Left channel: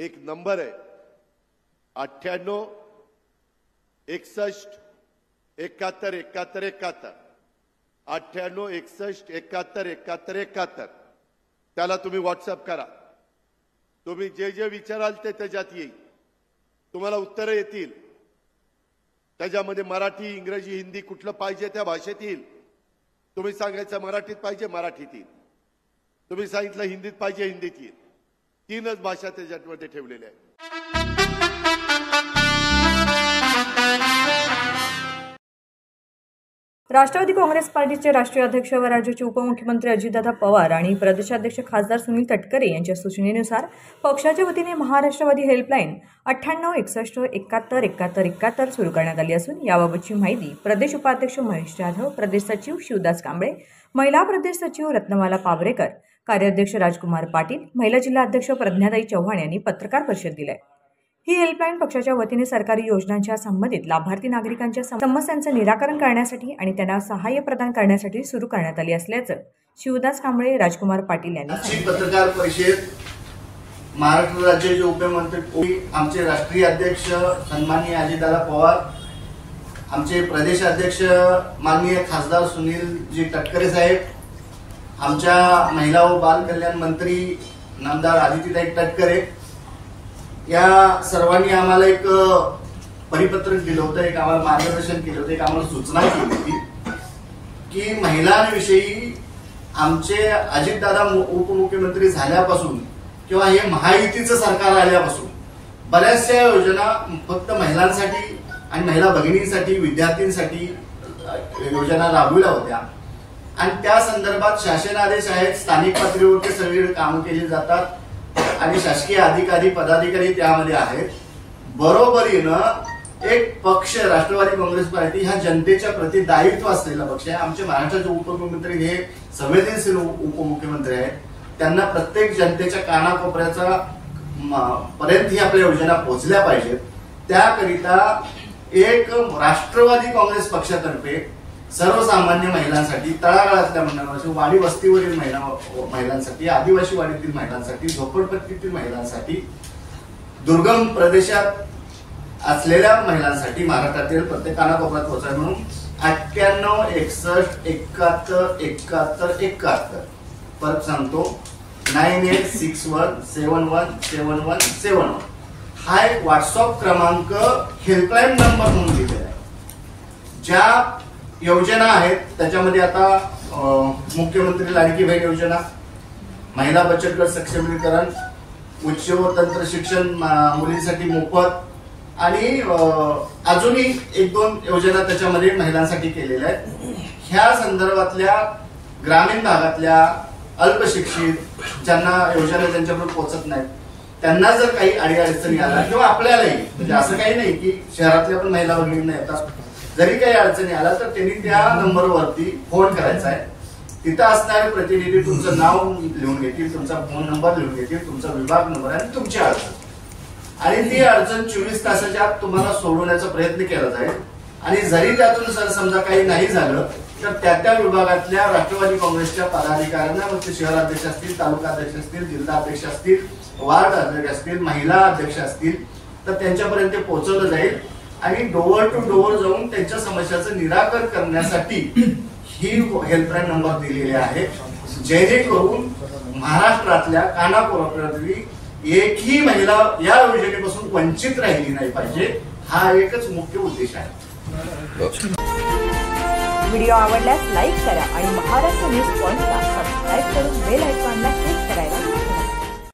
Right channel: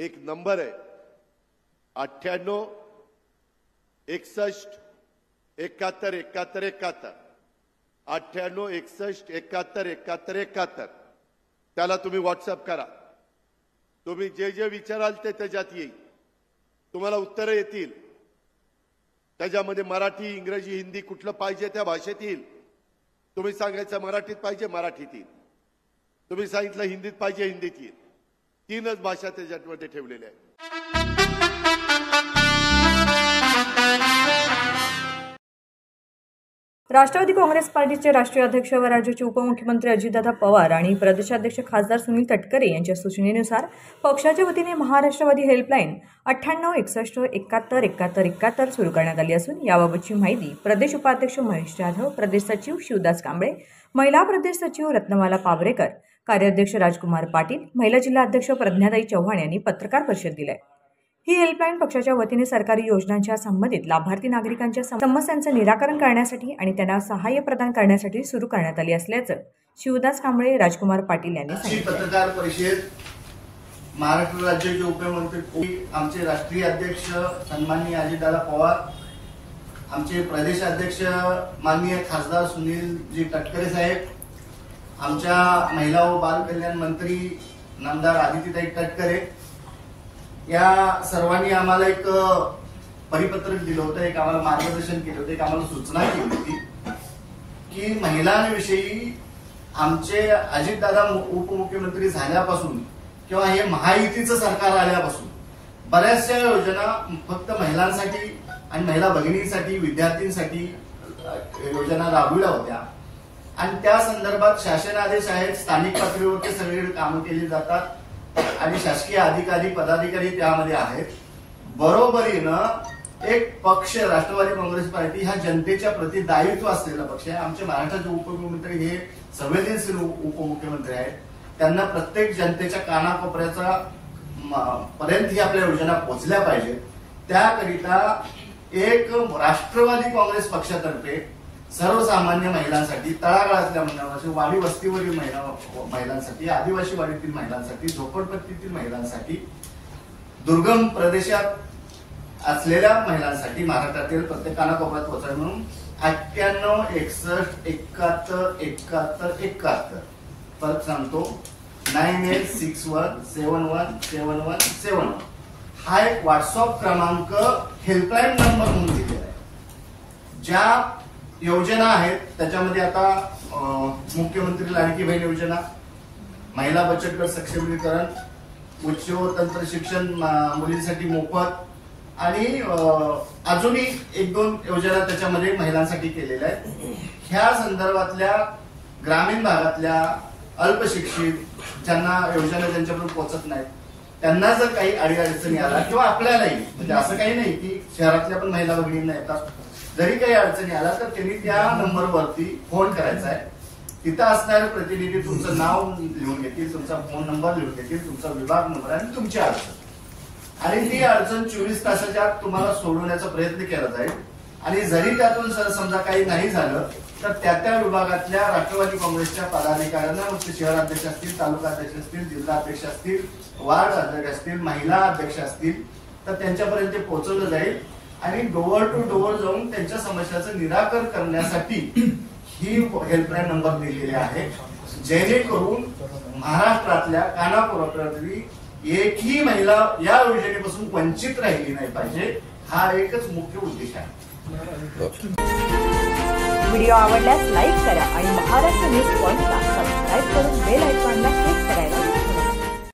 एक नंबर आहे 98 61 71 71 71 98 61 71 71 71 त्याला तुम्ही व्हॉट्सअप करा। तुम्ही जे जे विचाराल ते त्याच्यात येईल, तुम्हाला उत्तरं येतील। त्याच्यामध्ये मराठी, इंग्रजी, हिंदी कुठलं पाहिजे त्या भाषेत येईल। तुम्ही सांगायचं मराठीत पाहिजे मराठीत येईल, तुम्ही सांगितलं हिंदीत पाहिजे हिंदीत येईल। तीनच भाषा त्याच्यामध्ये ठेवलेल्या आहेत। राष्ट्रवादी काँग्रेस पार्टीचे राष्ट्रीय अध्यक्ष व राज्याचे उपमुख्यमंत्री अजितदादा पवार आणि प्रदेशाध्यक्ष खासदार सुनील तटकरे यांच्या सूचनेनुसार पक्षाच्या वतीने महाराष्ट्रवादी हेल्पलाईन 98 61 71 71 71 सुरू करण्यात आली असून याबाबतची माहिती प्रदेश उपाध्यक्ष महेश जाधव, प्रदेश सचिव शिवदास कांबळे, महिला प्रदेश सचिव रत्नमाला पावरेकर, कार्याध्यक्ष राजकुमार पाटील, महिला जिल्हा अध्यक्ष प्रज्ञाताई चव्हाण यांनी पत्रकार परिषद दिली। ही हेल्पलाईन पक्षाच्या वतीने सरकारी योजनांच्या संबंधित लाभार्थी नागरिकांच्या समस्यांचं निराकरण करण्यासाठी आणि त्यांना सहाय्य प्रदान करण्यासाठी सुरू करण्यात आली असल्याचं शिवदास कांबळे, राजकुमार पाटील यांनी सांगितलं। पत्रकार परिषद महाराष्ट्र राज्याचे उपमुख्यमंत्री आमचे राष्ट्रीय अध्यक्ष सन्माननीय अजितदादा पवार, आमचे प्रदेश अध्यक्ष माननीय खासदार सुनीलजी तटकरे साहेब, आमच्या महिला व बाल कल्याण मंत्री नामदार आदितीताई तटकरे या सर्वांनी आम्हाला एक परिपत्रक दिलं होतं, एक आम्हाला मार्गदर्शन केलं होतं, एक आम्हाला सूचना केली होती की महिलांविषयी आमचे अजितदादा उपमुख्यमंत्री झाल्यापासून किंवा हे महायुतीचं सरकार आल्यापासून बऱ्याचशा योजना फक्त महिलांसाठी आणि महिला भगिनींसाठी, विद्यार्थ्यांसाठी योजना राबविल्या होत्या आणि त्या संदर्भात शासनादेश आहेत, स्थानिक पातळीवरती सगळीकडे कामं केली जातात आणि शासकीय अधिकारी पदाधिकारी त्यामध्ये आहेत। बरोबरीनं एक पक्ष राष्ट्रवादी काँग्रेस पार्टी हा जनतेच्या प्रति दायित्व असलेला पक्ष आहे। आमच्या महाराष्ट्राचे उपमुख्यमंत्री हे संवेदनशील उपमुख्यमंत्री आहेत, त्यांना प्रत्येक जनतेच्या कानाकोपऱ्याचा पर्यंत ही आपल्या योजना पोहोचल्या पाहिजेत। त्याकरिता एक राष्ट्रवादी काँग्रेस पक्षातर्फे सर्वसामान्य महिलांसाठी, तळागाळातल्या महिलांसाठी, वाडी वस्तीवरील महिलांसाठी, आदिवासी वाडीतील महिलांसाठी, झोपडपट्टीतील महिलांसाठी, दुर्गम प्रदेशात असलेल्या महिलांसाठी महाराष्ट्रातील प्रत्येक कानाकोपऱ्यात पोहोचावे म्हणून 98 61 71 71 71 परत सांगतो 9861 71 71 71 हा एक व्हॉट्सअप क्रमांक हेल्पलाईन नंबर म्हणून दिलेला आहे। ज्या योजना आहेत त्याच्यामध्ये आता मुख्यमंत्री लाडकी बहीण योजना, महिला बचत गट सक्षमीकरण, उच्च व तंत्र शिक्षण मुलींसाठी मोफत आणि अजूनही एक दोन योजना त्याच्यामध्ये महिलांसाठी केलेल्या आहेत। ह्या संदर्भातल्या ग्रामीण भागातल्या अल्पशिक्षित ज्यांना योजना त्यांच्यापर्यंत पोहोचत नाहीत त्यांना जर काही अडीअडचणी आल्या किंवा आपल्यालाही, म्हणजे असं काही नाही की शहरातल्या पण महिला भगिनींना येतात, जरी काही अडचणी आल्या तर त्यांनी त्या नंबरवरती फोन करायचा आहे। तिथं असणारे प्रतिनिधी तुमचं नाव लिहून घेतील, तुमचा फोन नंबर लिहून घेतील, तुमचा विभाग नंबर आणि तुमची अडचण, आणि ती अडचण 24 तासाच्या आत तुम्हाला सोडवण्याचा प्रयत्न केला जाईल। आणि जरी त्यातून जर समजा काही नाही झालं तर त्या विभागातल्या राष्ट्रवादी काँग्रेसच्या पदाधिकाऱ्यांना, मग ते शहर अध्यक्ष असतील, तालुका अध्यक्ष असतील, जिल्हा अध्यक्ष असतील, वार्ड अध्यक्ष असतील, महिला अध्यक्ष असतील, तर त्यांच्यापर्यंत पोहोचवलं जाईल आणि डोअर टू डोअर जाऊन त्यांच्या समस्याचं निराकरण करण्यासाठी ही हेल्पलाईन नंबर दिलेले आहे, जेणेकरून महाराष्ट्रातल्या कानाकोपऱ्यातली एकही महिला या योजनेपासून वंचित राहिली नाही पाहिजे, हा एकच मुख्य उद्देश आहे। व्हिडिओ आवडल्यास लाईक करा आणि महाराष्ट्र न्यूज पॉइंटला सबस्क्राईब करून बेल आयकॉनला क्लिक करायला